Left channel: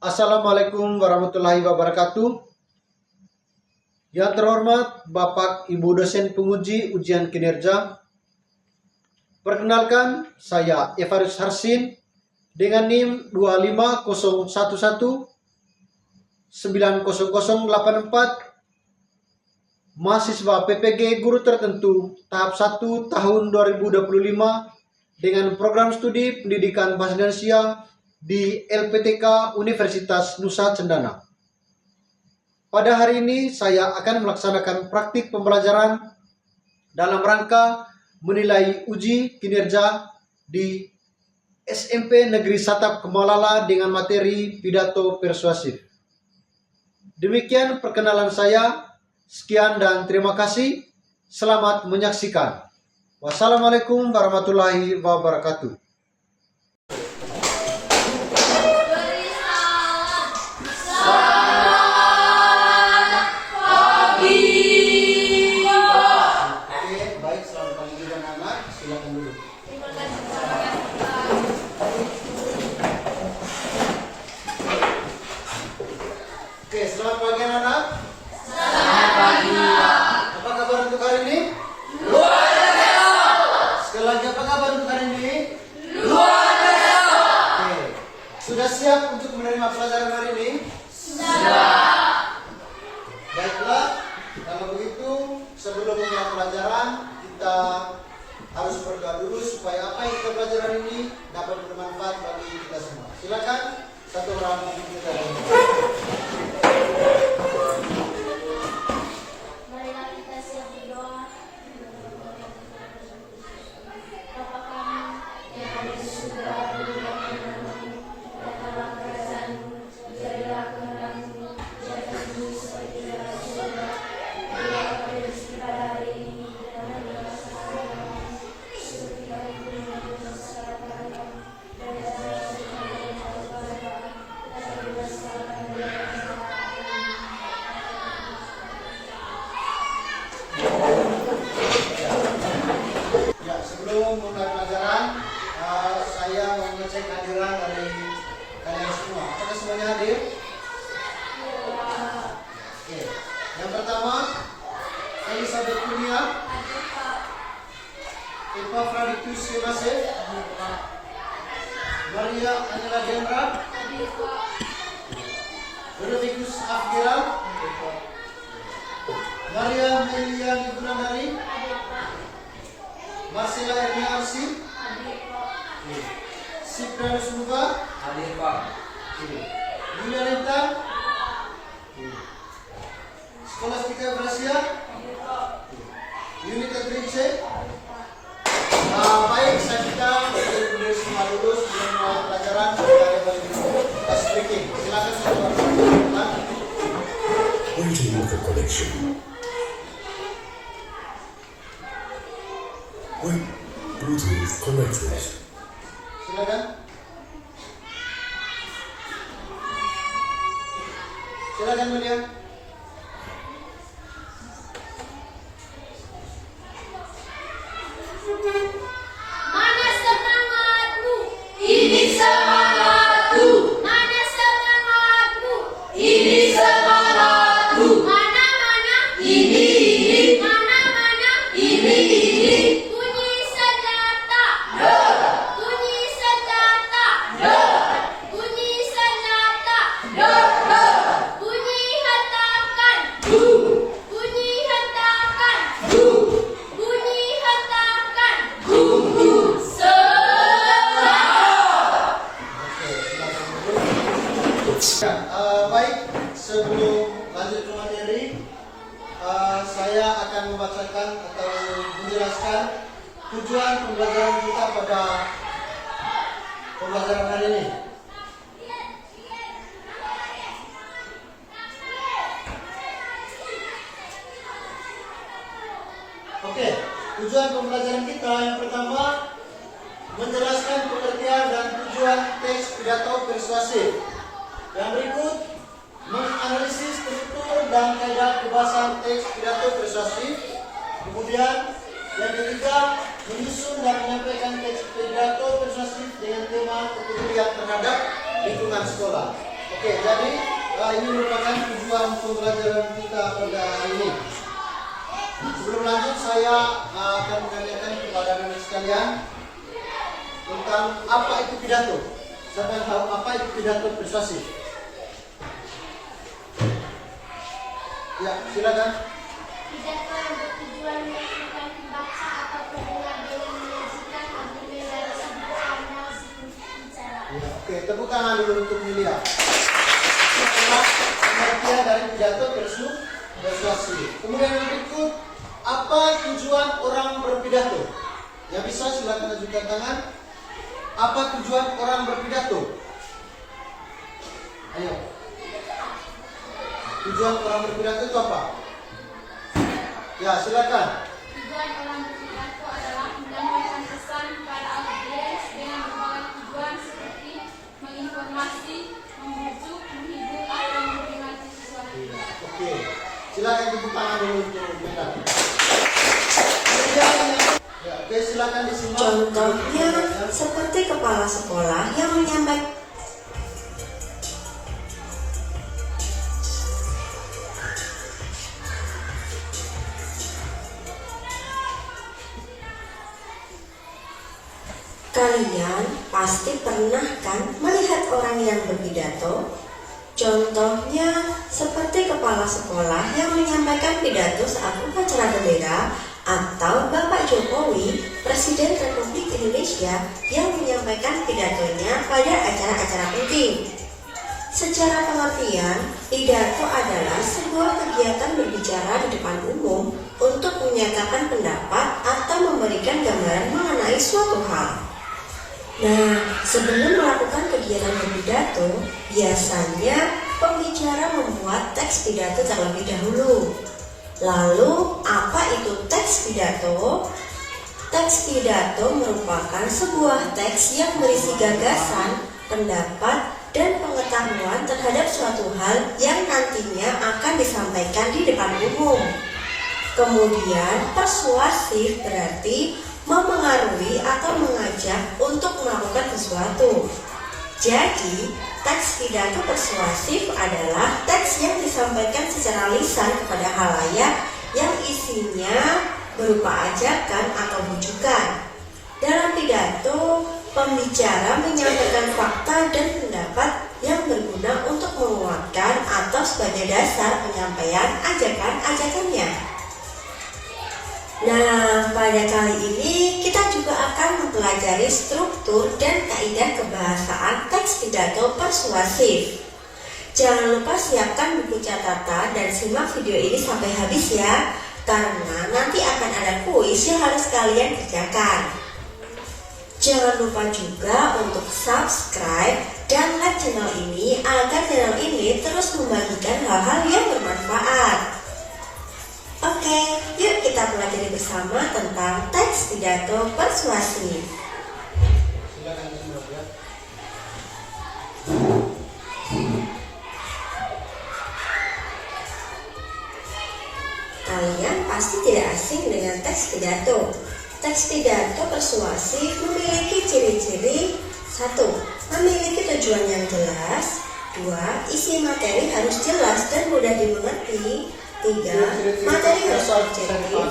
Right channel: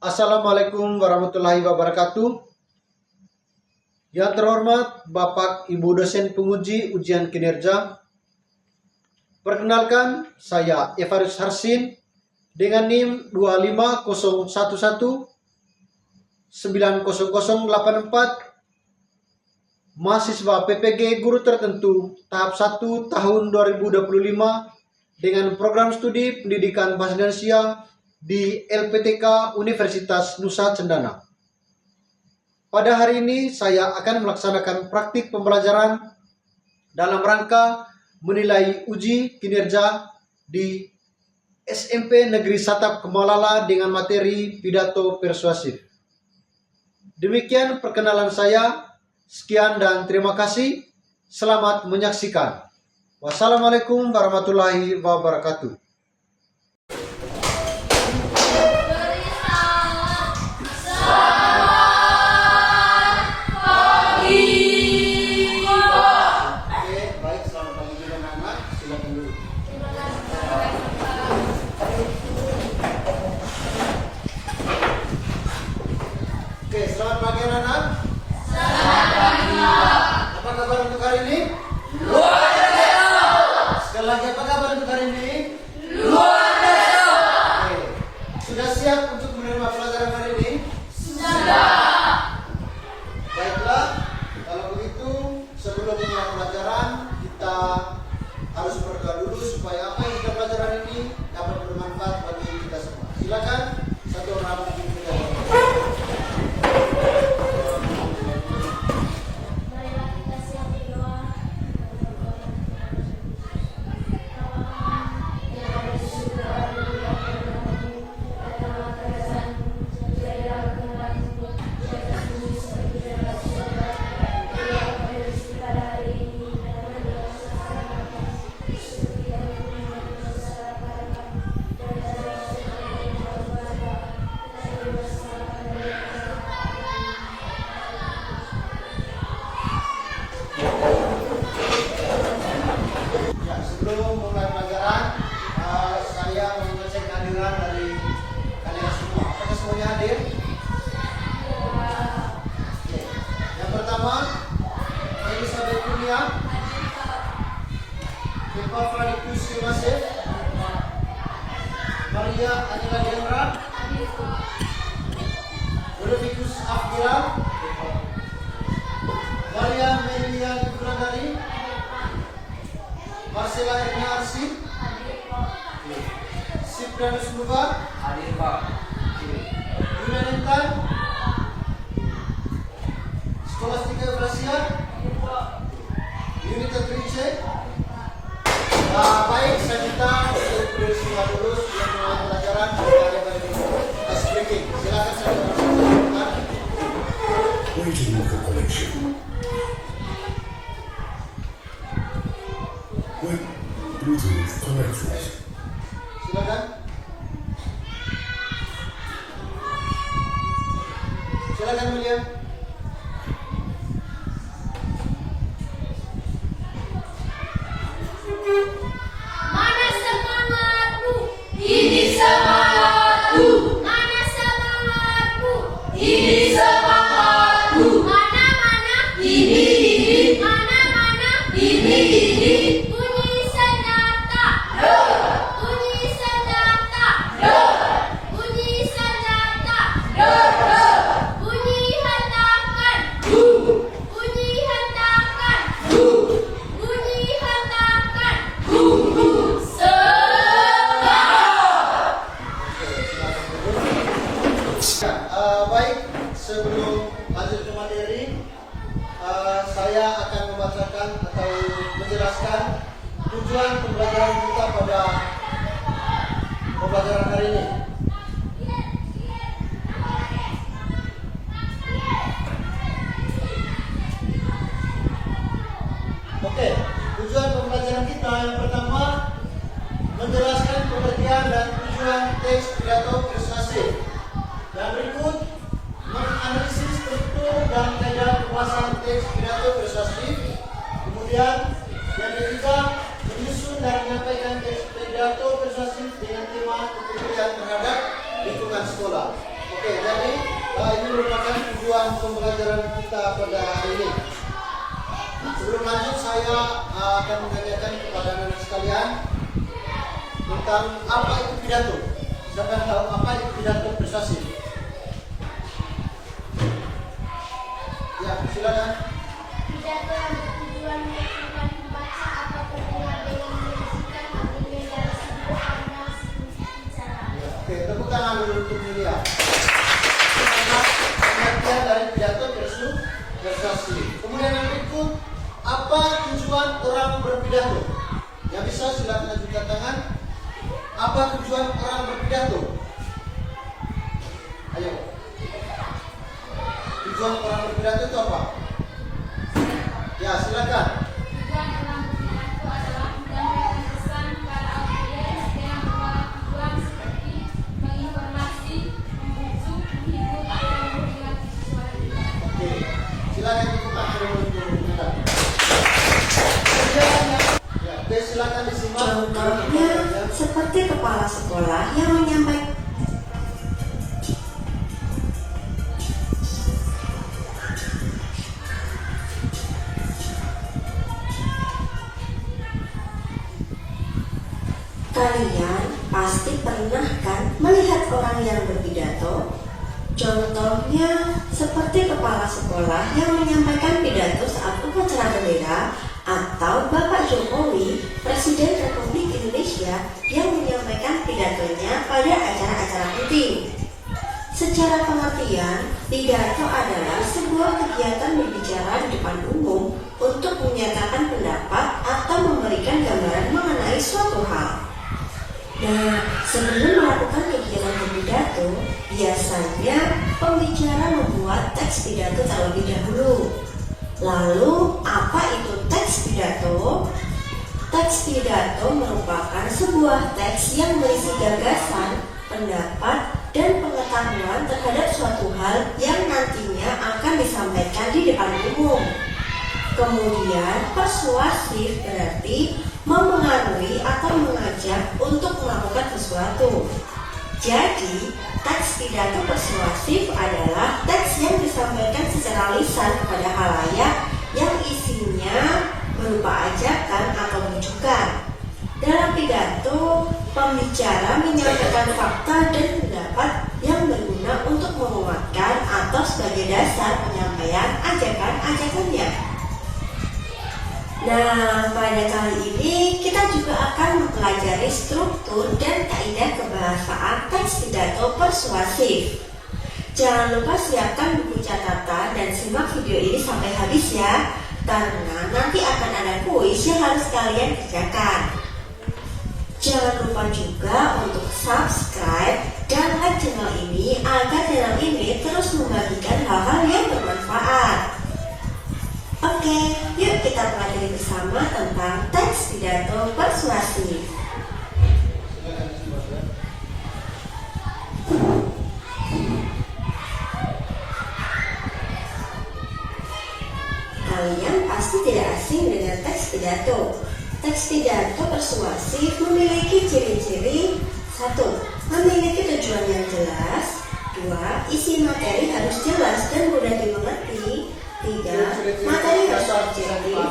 Assalamualaikum warahmatullahi wabarakatuh. Yang terhormat Bapak Ibu dosen penguji ujian kinerja. Perkenalkan, saya Evarus Harsin dengan NIM 25011 90084, mahasiswa PPG Guru Tertentu tahap 1 tahun 2025 dengan program studi pendidikan bahasa Indonesia di LPTK Universitas Nusa Cendana. Pada hari ini saya akan melaksanakan praktik pembelajaran dalam rangka menilai uji kinerja di SMP Negeri Satap Kemalala dengan materi pidato persuasif. Demikian perkenalan saya. Sekian dan terima kasih. Selamat menyaksikan. Wassalamualaikum warahmatullahi wabarakatuh. Oke, selamat pagi anak-anak. Selamat pagi. Apa kabar untuk hari ini? Luar biasa. Sekali lagi, apa kabar untuk hari ini? Luar biasa. Oke, sudah siap untuk menerima pelajaran hari ini? Sudah. Baiklah, kalau begitu sebelum memulai pelajaran kita harus berdoa dulu supaya apa yang kita pelajari hari ini dapat bermanfaat bagi kita semua. Silakan satu orang memimpin kita. Sebelum mulai pelajaran, saya mau mengecek kehadiran dari kalian semua. Apakah semuanya hadir? Oke. Yang pertama, Elizabeth Kunia, Eva Fradikus Yunase, Maria Anila Gendra, Ludovikus Afgiran, Maria Melia Ibrandari, Marcela Erna Arsi, Sipranus Luka, hadir Pak. Yuna Nintan, Skolastika Brasia, Unita Trince. Baik, saya minta untuk semua dulu sebelum mulai pelajaran kita kembali ke kelas speaking. Silakan saya lakukan. Waiting for connection. Wait, Bluetooth connected. Silakan. Silakan William. Mana semangatmu? Ini semangatku. Mana semangatmu? Ini semangatku. Mana ini. Mana ini. Bunyi senjata. Dor. Bunyi senjata. Dor. Bunyi senjata. Dor. Bunyi hentakan. Bunyi hentakan. Bunyi hentakan. Baik, sebelum lanjut ke materi, saya akan membacakan atau menjelaskan tujuan pembelajaran kita pada pembelajaran hari ini. Oke, tujuan pembelajaran kita yang pertama menjelaskan pengertian dan tujuan teks pidato persuasif. Yang berikut menganalisis struktur dan kaidah pembahasan teks pidato persuasif. Kemudian yang ketiga menyusun dan menyampaikan teks pidato persuasif dengan tema kepedulian terhadap lingkungan sekolah. Oke, jadi ini merupakan tujuan pembelajaran kita pada hari ini. Sebelum lanjut, saya akan menanyakan kepada anak sekalian tentang apa itu pidato. Siapa yang tahu apa itu pidato persuasif? Ya, silakan. Pidato yang bertujuan meyakinkan pembaca atau pendengar dengan menyajikan agenda yang sebuah panel bicara. Ya, oke, tepuk tangan dulu untuk Yulia. Pengertian dari pidato persuasif. Kemudian yang berikut, apa tujuan orang berpidato? Yang bisa silakan ajukan tangan. Apa tujuan orang berpidato? Ayo. Tujuan orang berpidato itu apa? Ya, silakan. Tujuan orang berpidato adalah menyampaikan pesan kepada audiens dengan berbagai tujuan seperti menginformasi, membujuk, menghibur, atau memperingati sesuatu. Oke. Silakan tepuk tangan dulu untuk Mendak. Ya, oke, silakan disimak. Contohnya seperti kepala sekolah yang menyampaikan kalian pasti pernah kan melihat orang yang berpidato? Contohnya seperti kepala sekolah yang menyampaikan pidato saat upacara bendera, atau Bapak Jokowi, Presiden Republik Indonesia, yang menyampaikan pidatonya pada acara-acara penting. Secara pengertian, pidato adalah sebuah kegiatan berbicara di depan umum untuk menyatakan pendapat atau memberikan gambaran mengenai suatu hal. Nah, sebelum melakukan kegiatan berpidato, biasanya pembicara membuat teks pidato terlebih dahulu. Lalu, apa itu teks pidato? Teks pidato merupakan sebuah teks yang berisi gagasan, pendapat, dan pengetahuan terhadap suatu hal yang nantinya akan disampaikan di depan umum. Kemudian, persuasif berarti memengaruhi atau mengajak untuk melakukan sesuatu. Jadi, teks pidato persuasif adalah teks yang disampaikan secara lisan kepada khalayak yang isinya berupa ajakan atau bujukan. Dalam pidato, pembicara menyampaikan fakta dan pendapat yang berguna untuk menguatkan atau sebagai dasar penyampaian ajakan-ajakannya. Nah, pada kali ini kita juga akan mempelajari struktur dan kaidah kebahasaan teks pidato persuasif. Jangan lupa siapkan buku catatan dan simak video ini sampai habis ya, karena nanti akan ada kuis yang harus kalian kerjakan. Jangan lupa juga untuk subscribe dan like channel ini agar channel ini terus membagikan hal-hal yang bermanfaat. Oke, yuk kita pelajari bersama tentang teks pidato persuasif. Silakan disimak ya. Kalian pasti tidak asing dengan teks pidato. Teks pidato persuasif memiliki ciri-ciri: 1. Memiliki tujuan yang jelas. 2. Isi materi harus jelas dan mudah dimengerti. 3. Materi harus objektif.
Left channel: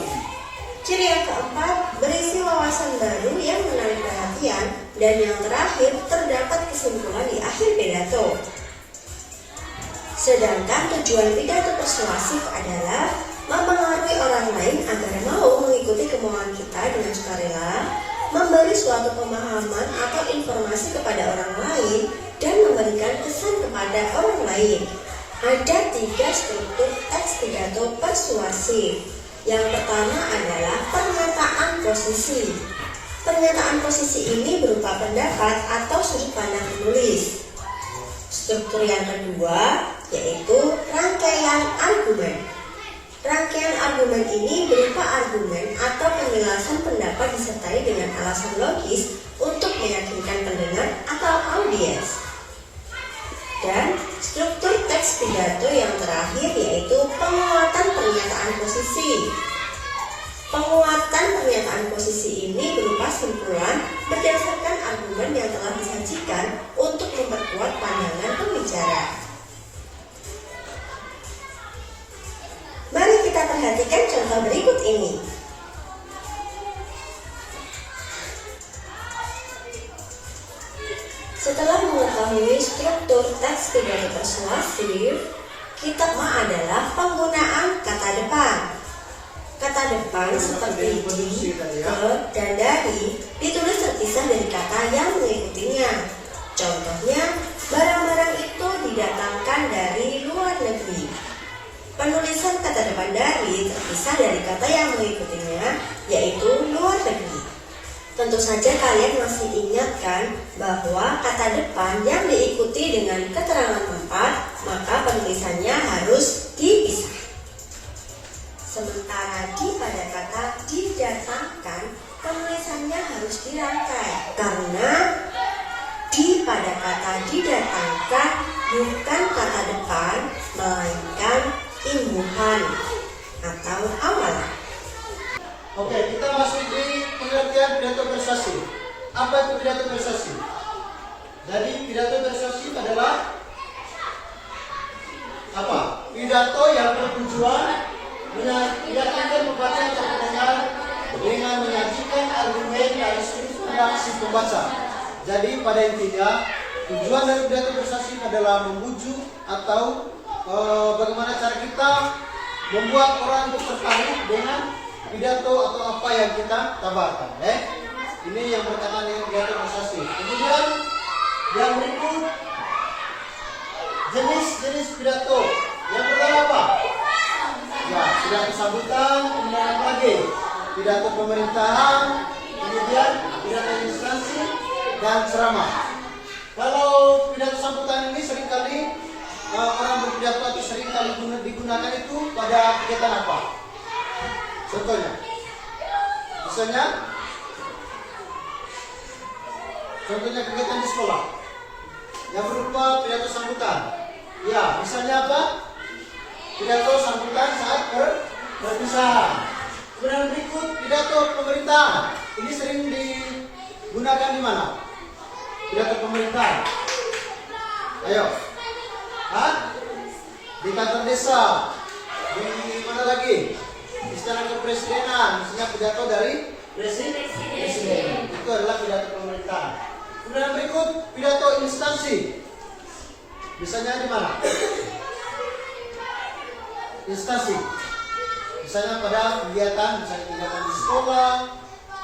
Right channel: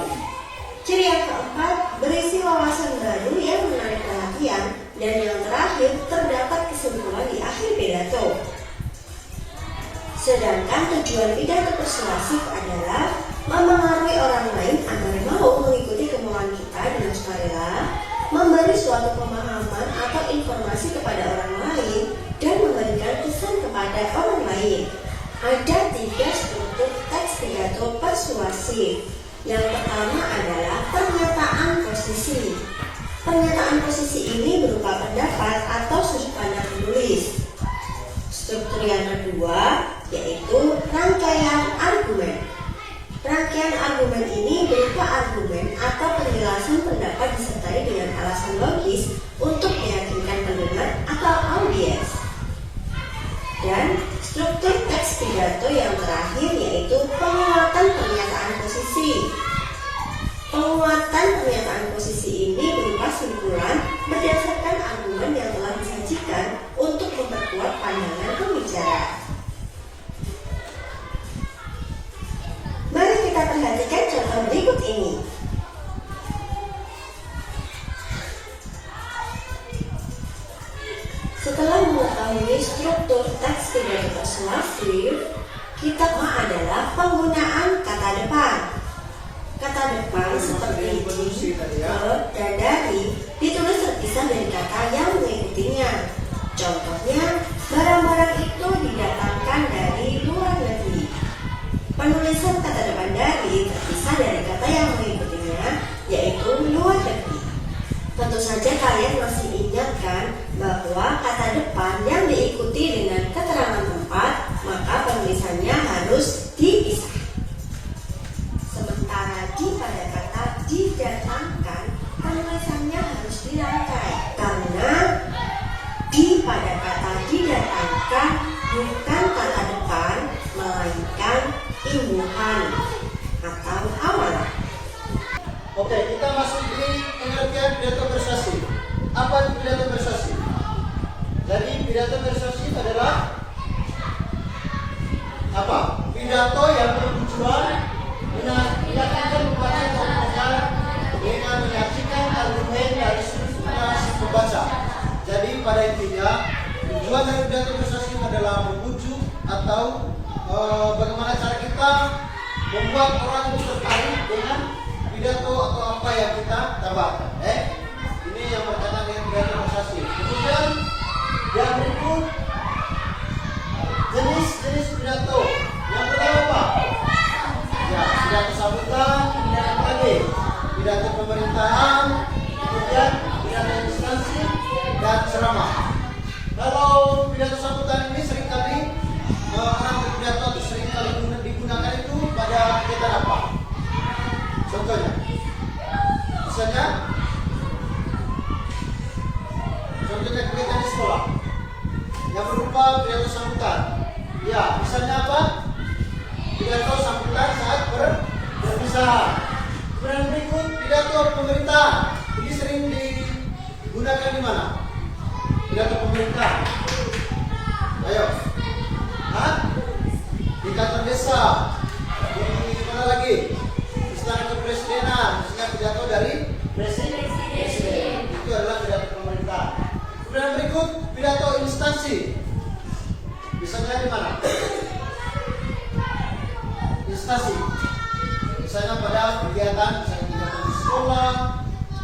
Ciri yang keempat, berisi wawasan baru yang menarik perhatian. Dan yang terakhir, terdapat kesimpulan di akhir pidato. Sedangkan tujuan pidato persuasif adalah memengaruhi orang lain agar mau mengikuti kemauan kita dengan sukarela, memberi suatu pemahaman atau informasi kepada orang lain, dan memberikan kesan kepada orang lain. Ada 3 struktur teks pidato persuasif. Yang pertama adalah pernyataan posisi. Pernyataan posisi ini berupa pendapat atau sudut pandang penulis. Struktur yang kedua yaitu rangkaian argumen. Rangkaian argumen ini berupa argumen atau penjelasan pendapat disertai dengan alasan logis untuk meyakinkan pendengar atau audiens. Dan struktur teks pidato yang terakhir yaitu penguatan pernyataan posisi. Penguatan pernyataan posisi ini berupa simpulan berdasarkan argumen yang telah disajikan untuk memperkuat pandangan pembicara. untuk teks pidato persuasif, kitabnya adalah penggunaan kata depan. Kata depan seperti di, ke, dan dari ditulis terpisah dari kata yang mengikutinya. Contohnya, barang-barang itu didatangkan dari luar negeri. Penulisan kata depan dari terpisah dari kata yang mengikutinya, yaitu luar negeri. Tentu saja kalian masih ingat kan bahwa kata depan yang diikuti dengan keterangan tempat, maka penulisannya harus dipisah. Sementara di pada kata didatangkan, penulisannya harus dirangkai karena di pada kata didatangkan bukan kata depan, melainkan imbuhan atau awal. Oke, kita masuk di pengertian pidato persuasif. Apa itu pidato persuasif? Jadi pidato persuasif adalah apa? Pidato yang bertujuan meyakinkan pembaca atau pendengar dengan menyajikan argumen dari sudut pandang si pembaca. Jadi pada intinya tujuan dari pidato persuasif adalah membujuk atau bagaimana cara kita membuat orang tertarik dengan pidato atau apa yang kita tambahkan. Ini yang berkaitan dengan pidato persuasif. Kemudian yang berikut jenis-jenis pidato. Yang pertama apa? Ya, pidato sambutan, kemudian apa lagi? Pidato pemerintahan, kemudian pidato instansi dan ceramah. Kalau pidato sambutan ini seringkali orang berpidato atau seringkali digunakan itu pada kegiatan apa? Contohnya, misalnya kegiatan di sekolah yang berupa pidato sambutan. Ya, misalnya apa? Pidato sambutan saat berpisah. Kemudian berikut pidato pemerintah. Ini sering digunakan di mana? Pidato pemerintah. Ayo, di kantor desa, di mana lagi? Istana kepresidenan, misalnya pidato dari presiden. Itu adalah pidato pemerintah. Kemudian berikut pidato instansi. Misalnya di mana? Instansi. Misalnya pada kegiatan, misalnya kegiatan di sekolah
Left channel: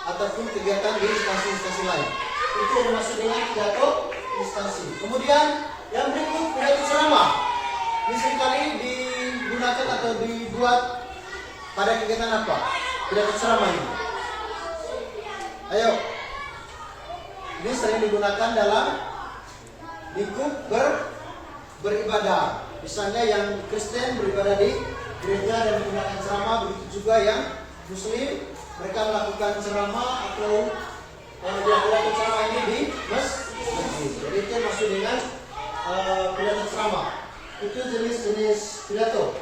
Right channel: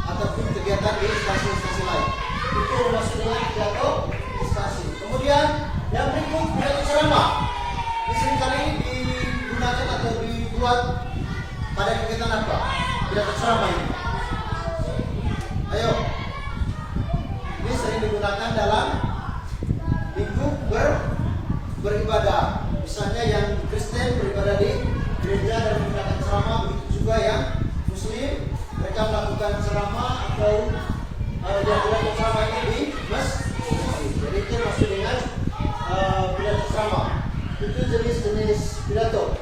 ataupun kegiatan di instansi-instansi lain. Itu masuk dengan pidato instansi. Kemudian yang berikut pidato ceramah. Ini seringkali digunakan atau dibuat pada kegiatan apa? Pidato ceramah ini. Ayo. Ini sering digunakan dalam lingkup beribadah. Misalnya yang Kristen beribadah di gereja dan menggunakan ceramah, begitu juga yang Muslim mereka melakukan ceramah atau dilakukan ceramah ini di masjid. Jadi itu masuk dengan pidato ceramah. Itu jenis-jenis pidato.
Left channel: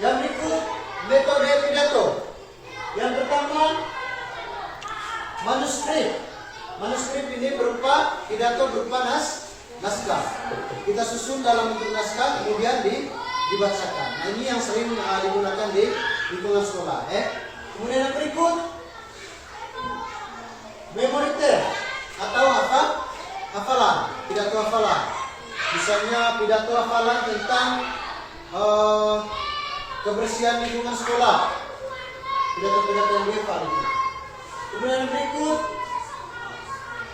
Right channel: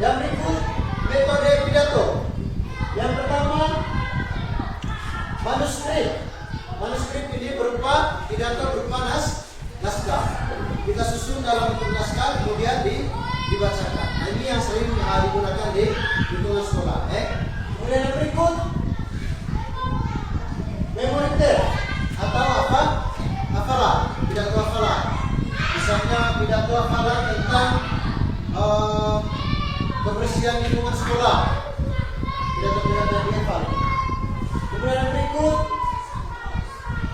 Yang berikut metode pidato. Yang pertama manuskrip. Manuskrip ini berupa pidato berupa naskah. Kita susun dalam bentuk naskah kemudian dibacakan. Nah, ini yang sering digunakan di lingkungan sekolah. Kemudian yang berikut memoriter atau apa? Hafalan. Pidato hafalan. Misalnya pidato hafalan tentang kebersihan lingkungan sekolah. Pidato-pidato yang dihafal. Kemudian yang berikut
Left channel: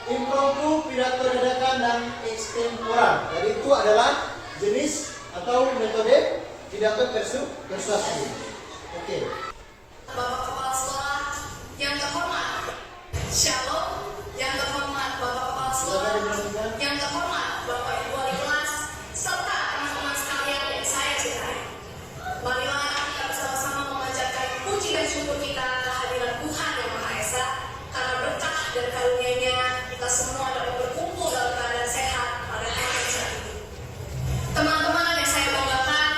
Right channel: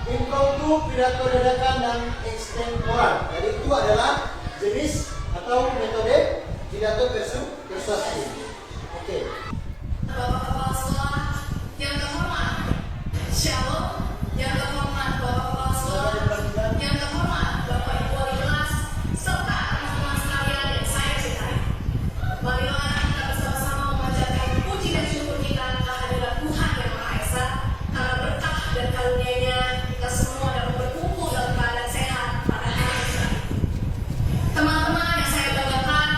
impromptu, pidato dadakan dan extemporan. Jadi itu adalah jenis atau metode pidato persuasif. Oke. Bapak Kepala Sekolah yang terhormat, Shalom, yang terhormat Bapak Kepala Sekolah, yang terhormat Bapak Ibu Wali kelas, serta teman-teman sekalian yang saya cintai. Marilah kita bersama-sama memanjatkan puji dan syukur kita kehadiran Tuhan yang Maha Esa, karena berkah dan karunia-Nya kita semua dapat berkumpul dalam keadaan sehat pada hari yang cerah ini. Teman-teman yang saya banggakan,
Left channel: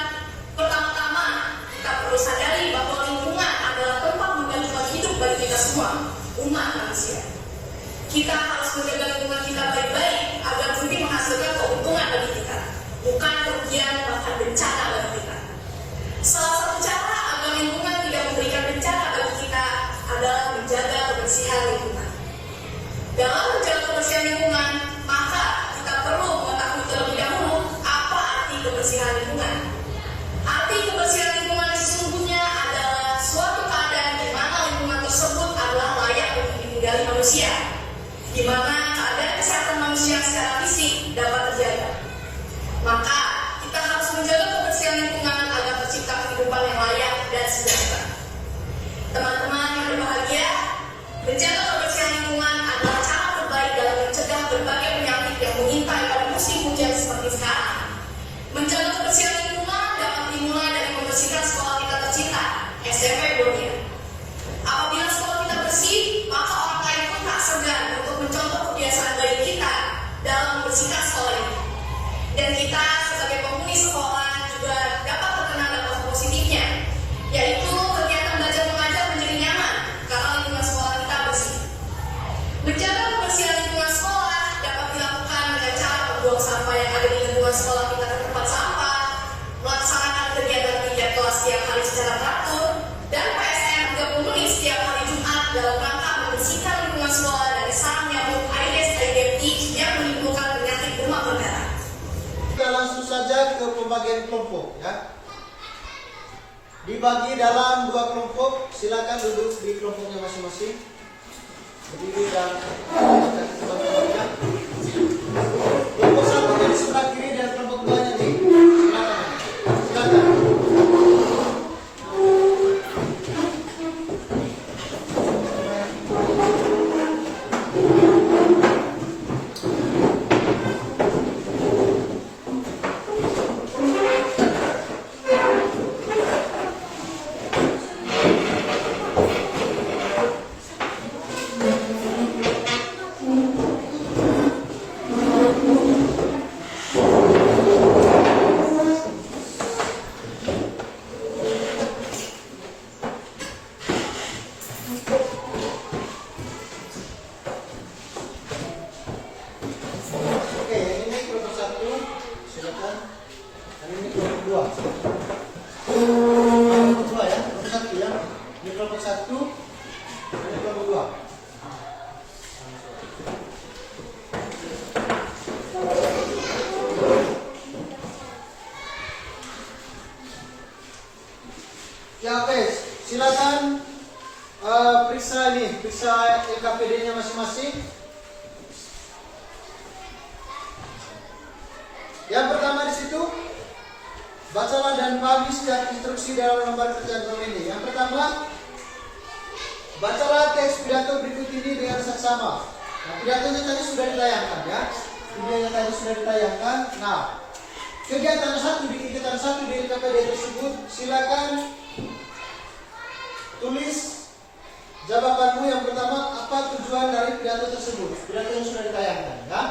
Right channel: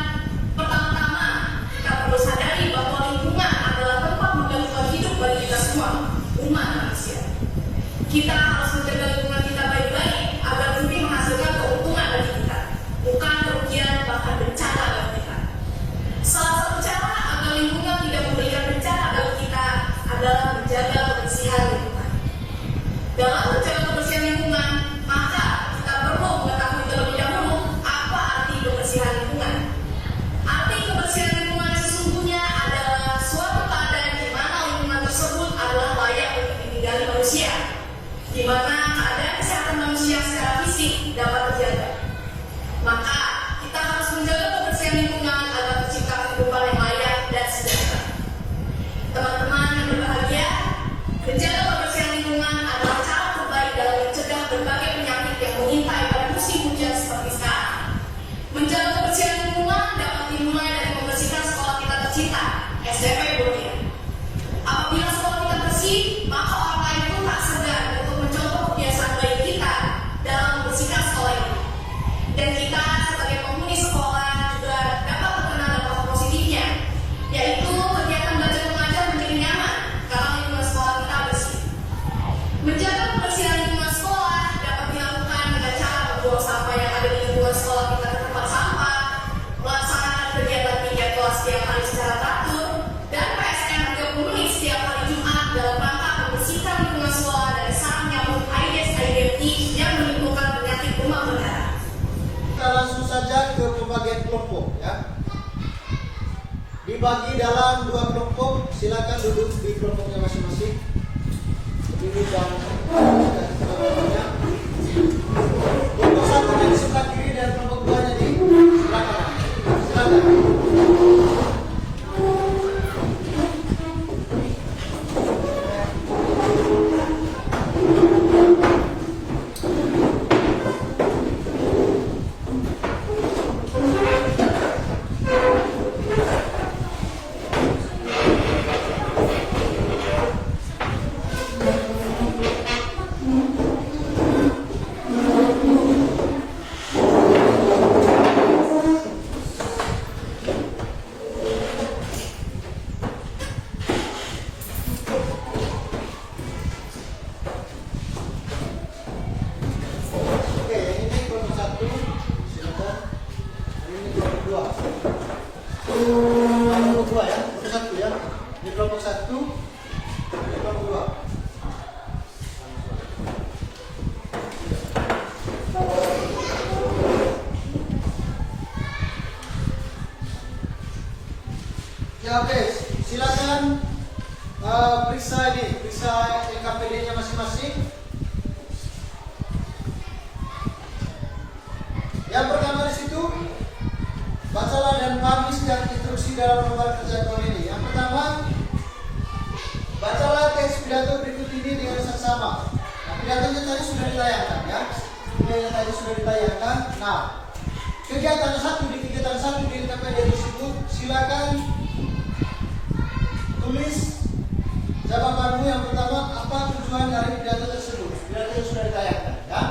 pertama-tama kita perlu sadari bahwa lingkungan adalah tempat menggantikan hidup bagi kita semua, umat manusia. Kita harus menjaga lingkungan kita baik-baik agar nanti menghasilkan keuntungan Maka kita harus menjaga kebersihan lingkungan agar tercipta kehidupan yang layak dan sejahtera. Teman-teman yang berbahagia, menjaga kebersihan lingkungan adalah cara terbaik dalam mencegah berbagai penyakit yang mengintai pada musim hujan seperti sekarang. Menjaga kebersihan lingkungan dapat dimulai dari membersihkan sekolah kita tercinta, SMP Bonia. Apabila sekolah kita bersih, maka orang lain pun tak segan untuk mencontoh kebiasaan baik kita dalam membersihkan sekolah ini. Dan kita sebagai penghuni sekolah juga dapat terkena dampak positifnya, yaitu kegiatan belajar mengajar menjadi nyaman karena lingkungan sekolah kita bersih. Menjaga kebersihan lingkungan sekolah dapat dilakukan dengan cara membuang sampah yang ada di lingkungan sekolah kita ke tempat sampah, melaksanakan kegiatan kelas setiap hari secara teratur, dan PSN 30 menit setiap hari Jumat dalam rangka membersihkan lingkungan sekolah dari sarang nyamuk Aedes aegypti yang menimbulkan penyakit demam berdarah. Kita langsung saja ke pembagian kelompok ya. Dibagi dalam 2 kelompok, silakan duduk di kelompoknya masing-masing. Berdiri dan kelompoknya. Kelompok 1 di sebelah kiri dan kelompok 2-nya di sebelah kanan. Silakan. Oke, yang ini kelompok 1, silakan. Yang ini kelompok 2. Kelompok 2 ya, kelompok 1 ya. Ini kelompok 1, ini kelompok 2. Ya oke, silakan periksa LKPD-nya masing-masing. Yang pertama di situ, bacalah dan pahami setiap instruksi dalam lembar kerja tahun ini. Yang pertama, bacalah teks pidato berikut ini dengan saksama. Nah, pidatonya tadi sudah ditayangkan ya. Pidatonya tadi sudah ditayangkan. Nah, kegiatan 1 di LKPD tersebut, silakan tulis jawabanmu. Yang pertama, apa tujuan dari pidato tersebut? Pidatonya sudah ditayangkan ya.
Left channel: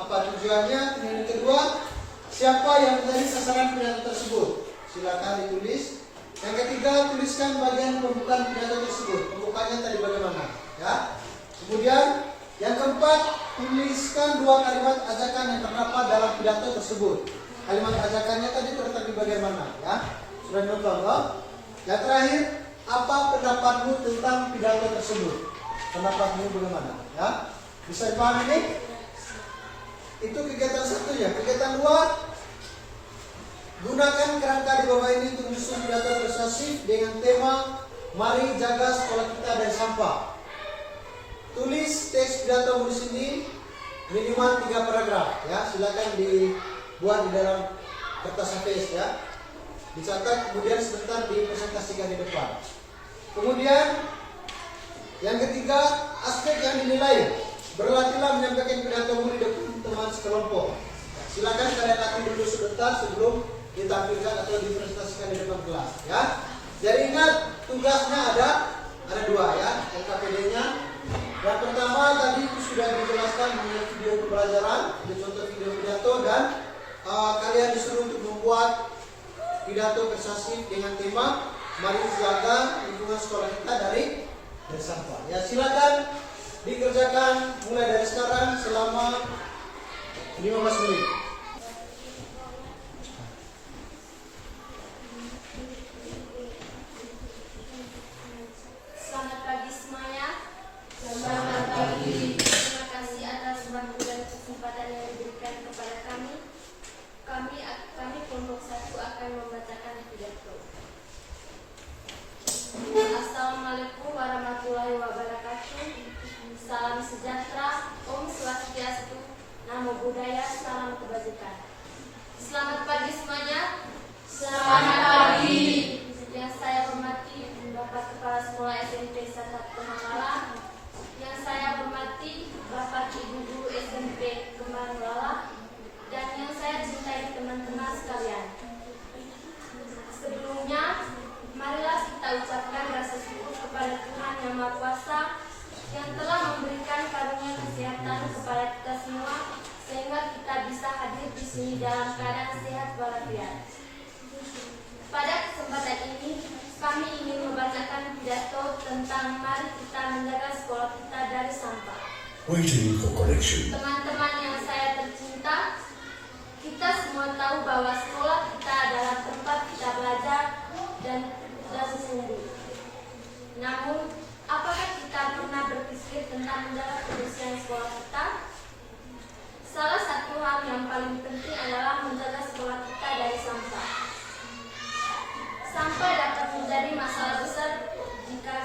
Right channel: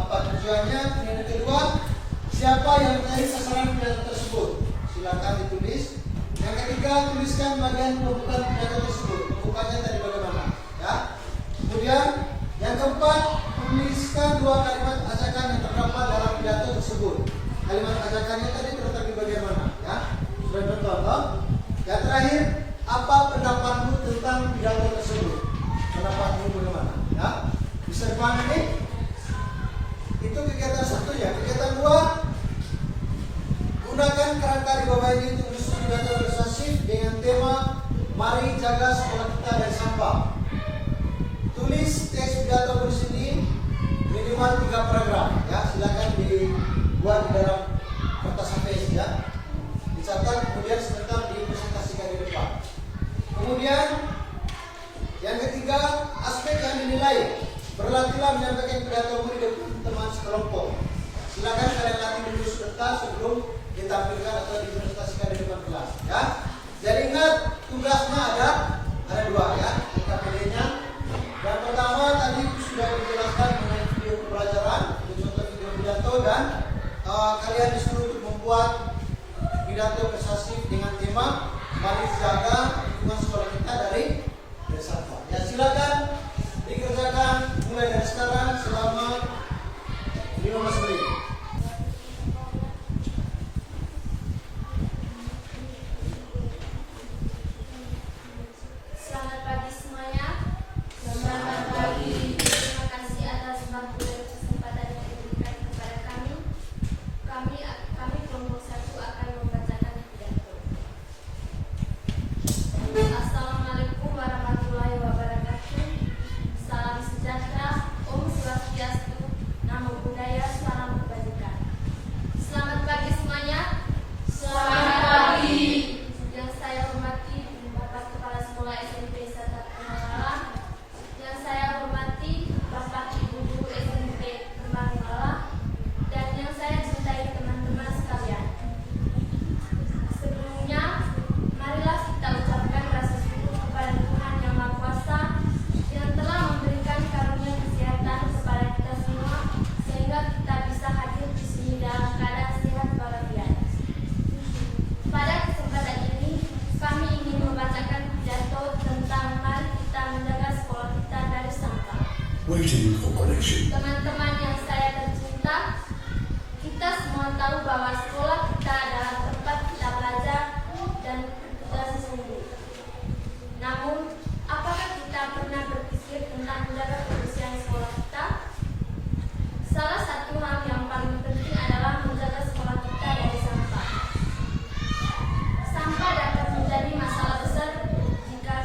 Apa tujuannya? Yang kedua, siapa yang menjadi sasaran pidato tersebut? Silakan ditulis. Yang ketiga, tuliskan bagian pembukaan pidato tersebut. Pembukanya tadi bagaimana? Ya. Kemudian yang keempat, tuliskan 2 kalimat ajakan yang terdapat dalam pidato tersebut. Kalimat ajakannya tadi terletak di bagaimana? Ya. Sudah contoh. Yang terakhir, apa pendapatmu tentang pidato tersebut? Pendapatmu bagaimana? Ya. Bisa dipahami ini? Itu kegiatan 1 ya. Kegiatan 2, gunakan kerangka di bawah ini untuk menyusun pidato persuasif dengan tema mari jaga sekolah kita dari sampah. Tulis teks pidato di sini minimal 3 paragraf ya. Silakan dibuat di dalam kertas HVS ya. Dicatat kemudian sebentar dipresentasikan di depan. Kemudian yang ketiga, aspek yang dinilai. Berlatihlah menyampaikan pidatomu di depan teman sekelompok. Silakan kalian latih dulu sebentar sebelum ditampilkan atau dipresentasikan di depan kelas ya. Jadi ingat, tugasnya ada 2 ya, LKPD-nya. Yang pertama tadi sudah dijelaskan mengenai video pembelajaran, contoh video pidato, dan kalian disuruh untuk membuat pidato persuasif dengan tema mari jaga lingkungan sekolah kita dari sampah. Ya silakan dikerjakan mulai dari sekarang selama 15 menit. Selamat pagi semuanya. Selamat pagi. Terima kasih atas waktu dan kesempatan yang diberikan kepada kami. Kami kelompok 1 akan membacakan pidato. Assalamualaikum warahmatullahi wabarakatuh. Salam sejahtera, Om Swastiastu, Namo Buddhaya, Salam Kebajikan. pidato tentang mari kita menjaga sekolah kita dari sampah. Waiting for connection. Teman-teman yang saya tercinta, kita semua tahu bahwa sekolah kita adalah tempat kita belajar dan sungguh. Namun, apakah kita pernah berpikir tentang menjaga kebersihan sekolah kita? Salah satu hal yang paling penting adalah menjaga sekolah kita dari sampah. Sampah dapat menjadi masalah besar jika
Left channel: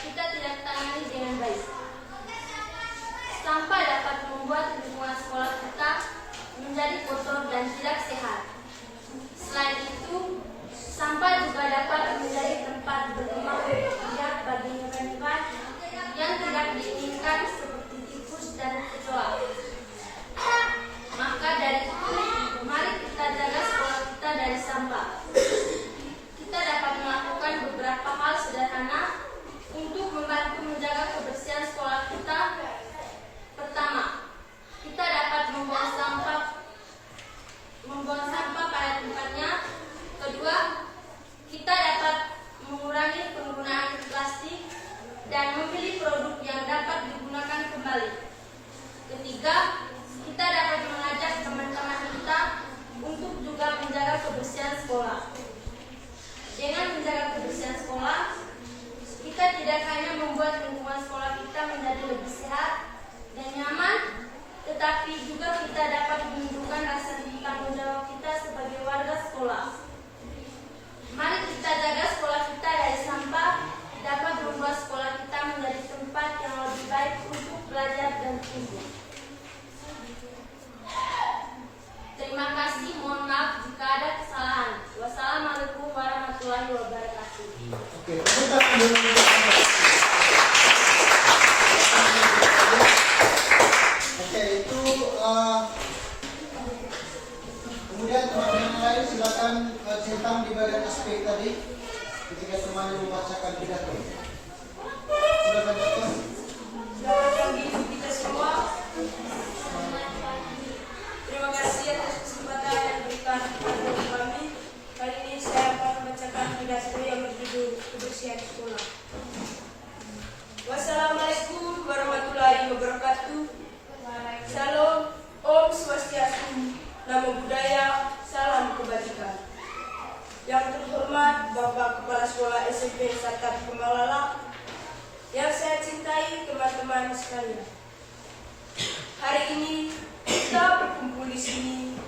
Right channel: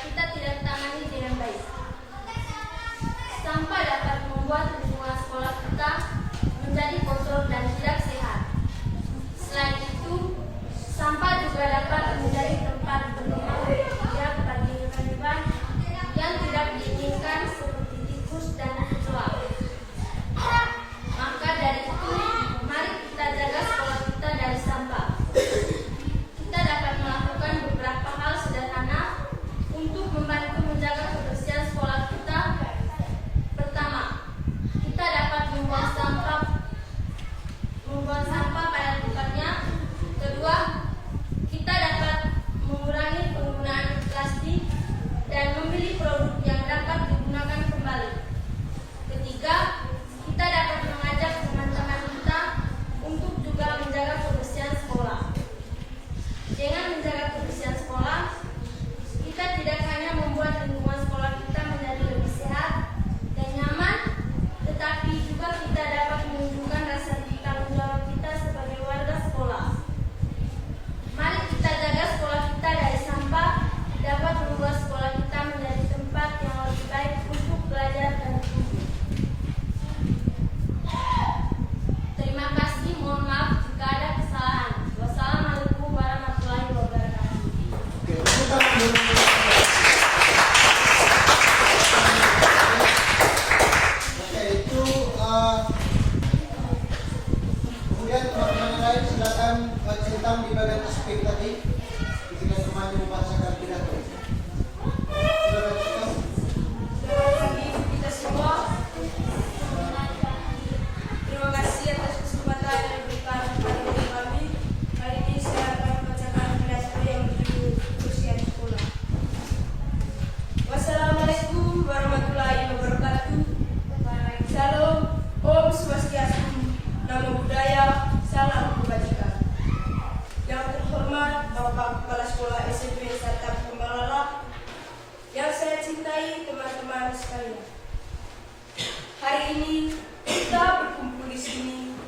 kita tidak tangani dengan baik. Sampah dapat membuat lingkungan sekolah kita menjadi kotor dan tidak sehat. Selain itu, sampah juga dapat menjadi tempat berkembang biak bagi hewan-hewan yang tidak diinginkan seperti tikus dan kecoa. Maka dari itu, mari kita jaga sekolah kita dari sampah. Kita dapat melakukan beberapa hal sederhana untuk membantu menjaga kebersihan sekolah kita. Pertama, kita dapat membuang sampah pada tempatnya. Kedua, kita dapat mengurangi penggunaan plastik dan memilih produk yang dapat digunakan kembali. Ketiga, kita dapat mengajak teman-teman kita untuk juga menjaga kebersihan sekolah. Dengan menjaga kebersihan sekolah, kita tidak hanya membuat lingkungan sekolah kita menjadi lebih sehat dan nyaman, tetapi juga kita dapat menunjukkan rasa tanggung jawab kita sebagai warga sekolah. Mari kita jaga sekolah kita dari sampah, dapat membuat sekolah kita menjadi tempat yang lebih baik untuk belajar dan tumbuh. Terima kasih, mohon maaf jika ada kesalahan. Wassalamualaikum warahmatullahi wabarakatuh. Oke, tepuk tangan. Oke, itu kemudian teman-teman lain silakan centang di bagian aspek tadi ketika semuanya membacakan pidato. Silakan centang. Selamat pagi kita semua. Terima kasih atas kesempatan yang diberikan kepada kami. Kali ini saya akan membacakan pidato yang berjudul kebersihan sekolah. Wassalamualaikum warahmatullahi wabarakatuh. Salam, Om Swastiastu, Namo Buddhaya, salam kebajikan. Yang terhormat Bapak Kepala Sekolah SMP Sarta Pemalala, yang saya cintai teman-teman sekalian. Hari ini kita berkumpul di sini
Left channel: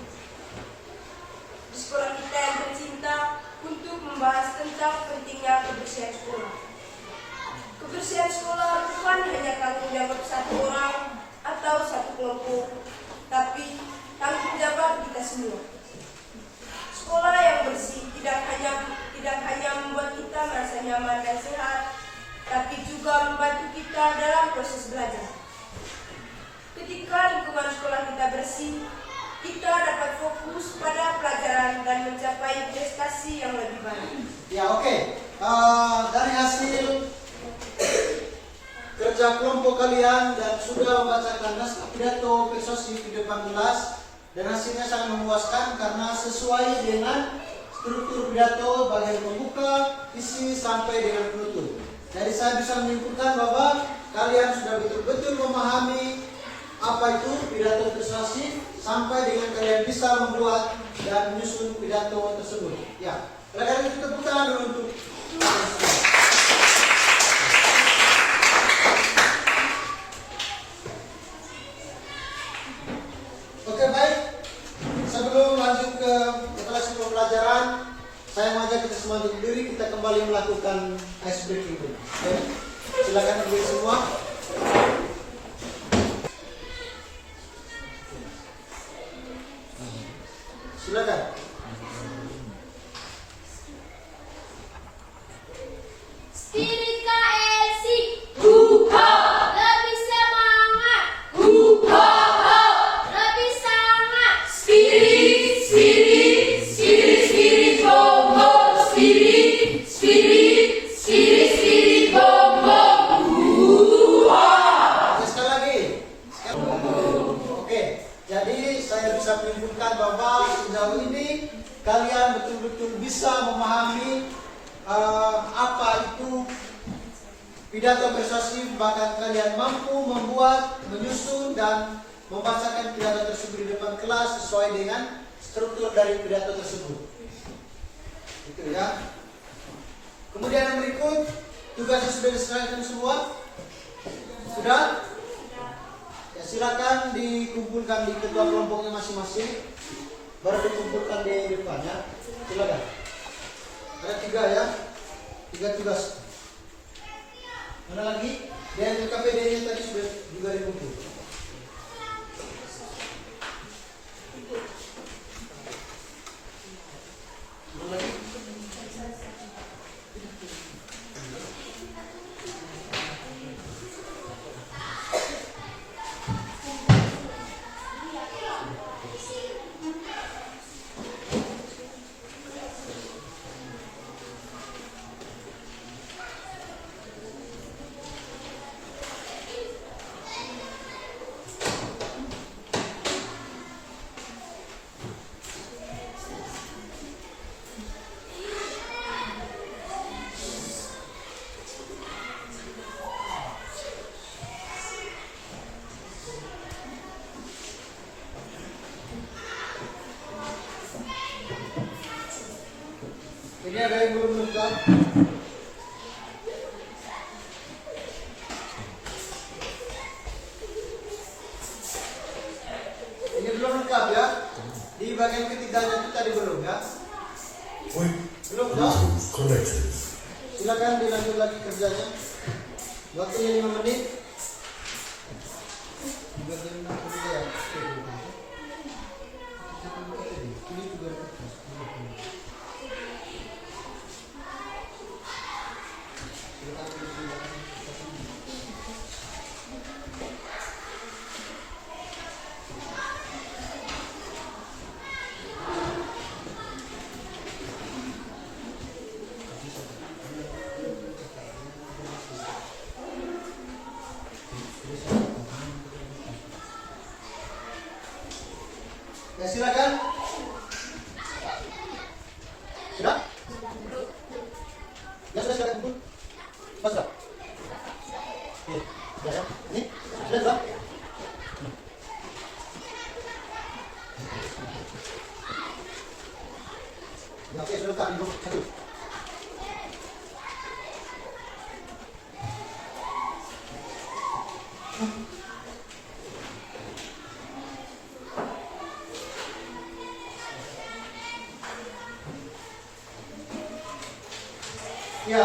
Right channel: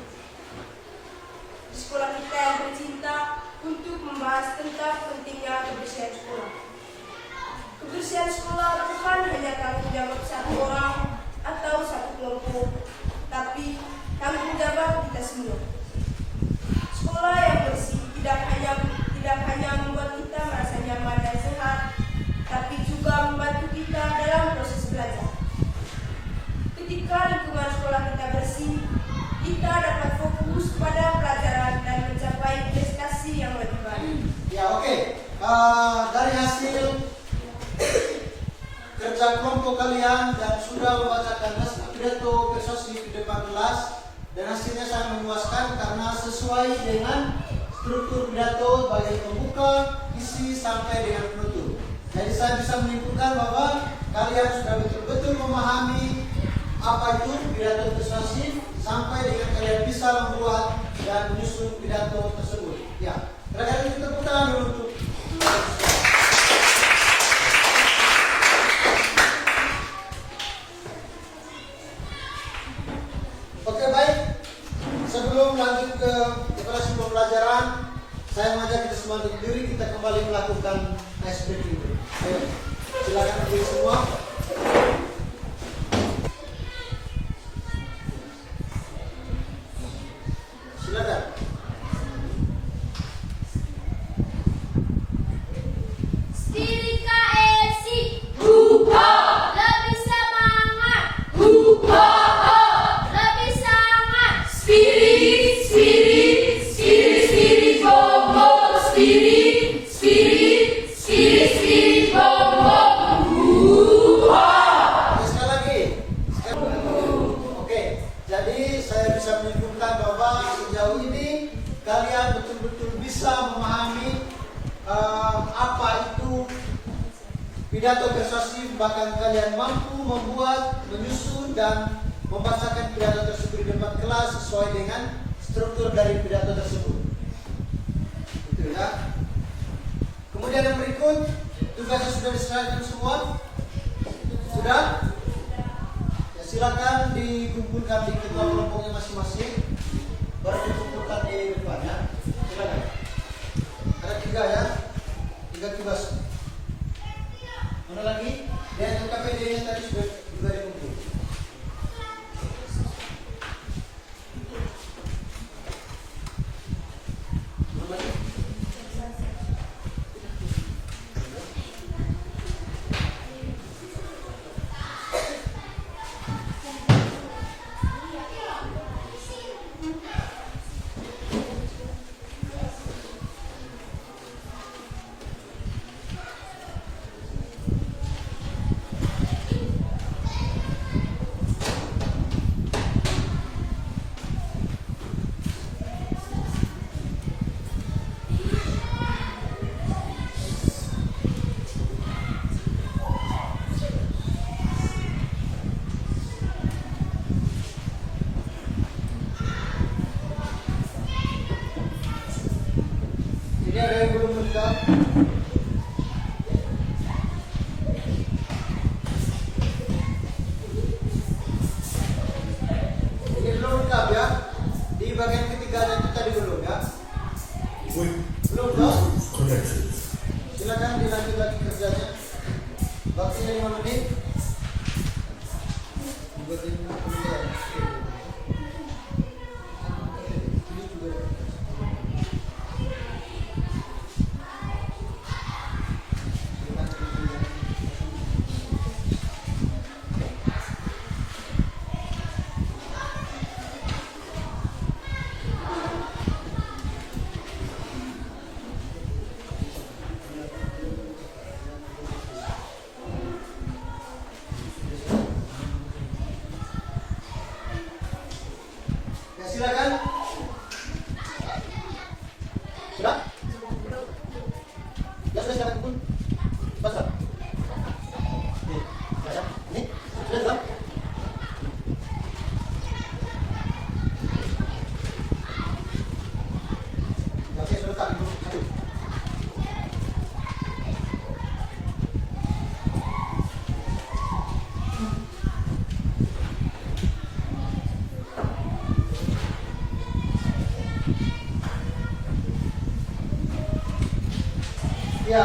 di sekolah kita yang tercinta untuk membahas tentang pentingnya kebersihan sekolah. Kebersihan sekolah bukan hanya tanggung jawab satu orang atau satu kelompok, tapi tanggung jawab kita semua. Sekolah yang bersih tidak hanya membuat kita merasa nyaman dan sehat, tapi juga membantu kita dalam proses belajar. Ketika lingkungan sekolah kita bersih, kita dapat fokus pada pelajaran dan mencapai prestasi yang lebih baik. Ya, oke. Dari hasil kerja kelompok kalian dan sudah membacakan naskah pidato persuasif di depan kelas, dan hasilnya sangat memuaskan karena sesuai dengan struktur pidato bagian pembuka, isi sampai dengan penutup. Jadi saya bisa menyimpulkan bahwa kalian sudah betul-betul memahami apa itu pidato persuasif sampai dengan kalian bisa membuat dan menyusun pidato tersebut. Ya, terakhir kita tepuk tangan dulu untuk Oke, baik. Sebelum lanjut ke operasi pembelajaran, saya mengajak kita semua untuk berdiri, kita kembali melakukan ice breaking dulu. Oke, silakan berdiri semua. Silakan. Spirit KSI, lebih semangat, lebih semangat. Spirit, bom bom, spirit, bom bom. Sekali lagi. Oke, jadi saya bisa menyimpulkan bahwa sejauh ini kalian betul-betul bisa memahami apa itu pidato persuasif, bahkan kalian mampu membuat, menyusun dan membacakan pidato tersebut di depan kelas sesuai dengan struktur dari pidato tersebut. Itu ya. Kemudian yang berikut, tugasnya sudah diserahkan semua? Sudah? Ya, silakan dikumpulkan di ketua kelompoknya masing-masing. Baru dikumpulkan di depan ya. Silakan. Ada 3 ya. 3 tugas. Mana lagi? Dan KPD yang tadi sudah juga dikumpul. Ini ada yang belum lengkap. Ini belum lengkap ya. Di bagian ketiganya itu tadi belum ya. Point Belum toh? Bluetooth connected. Silakan dilanjut lagi kerjanya. Waktunya 5 menit. Bagian kemudian. Ini juga. Ya silakan. Sudah? Ya sudah silakan kumpul. Pas sudah? Ini, sudah ya? Ini, sudah sudah? Oke, sudah tak ibu satu. Ya,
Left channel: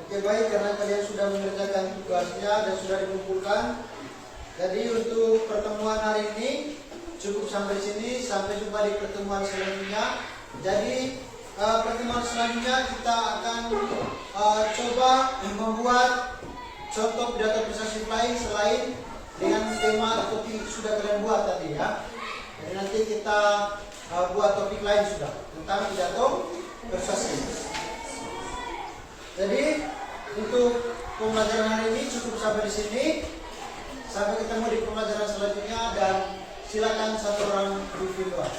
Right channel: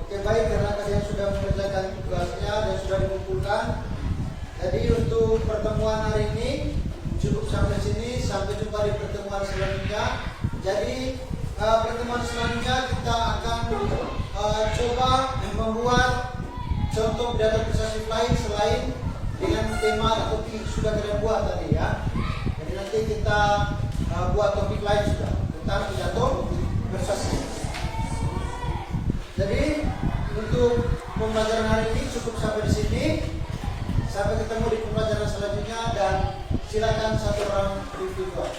oke baik, karena kalian sudah mengerjakan tugasnya dan sudah dikumpulkan. Jadi untuk pertemuan hari ini cukup sampai sini. Sampai jumpa di pertemuan selanjutnya. Jadi pertemuan selanjutnya kita akan coba membuat contoh pidato persuasif lain selain dengan tema topik sudah kalian buat tadi ya. Jadi nanti kita buat topik lain sudah tentang pidato persuasif. Jadi untuk pembelajaran hari ini cukup sampai di sini. Sampai ketemu di pembelajaran selanjutnya dan silakan satu orang review doa.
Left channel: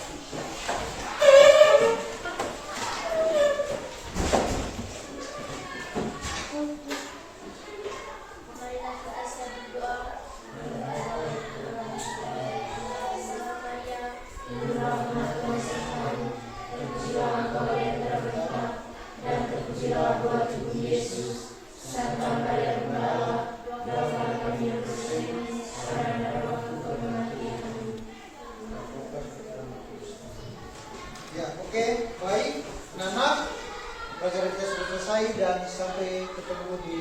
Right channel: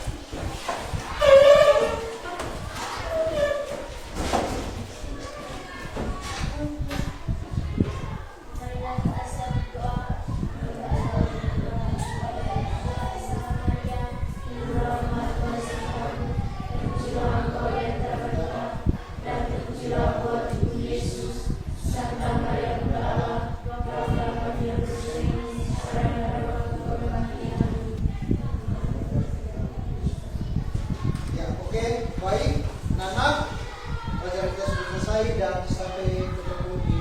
Ya, oke, baik. Nana, pelajaran kita sudah selesai dan sampai ketemu di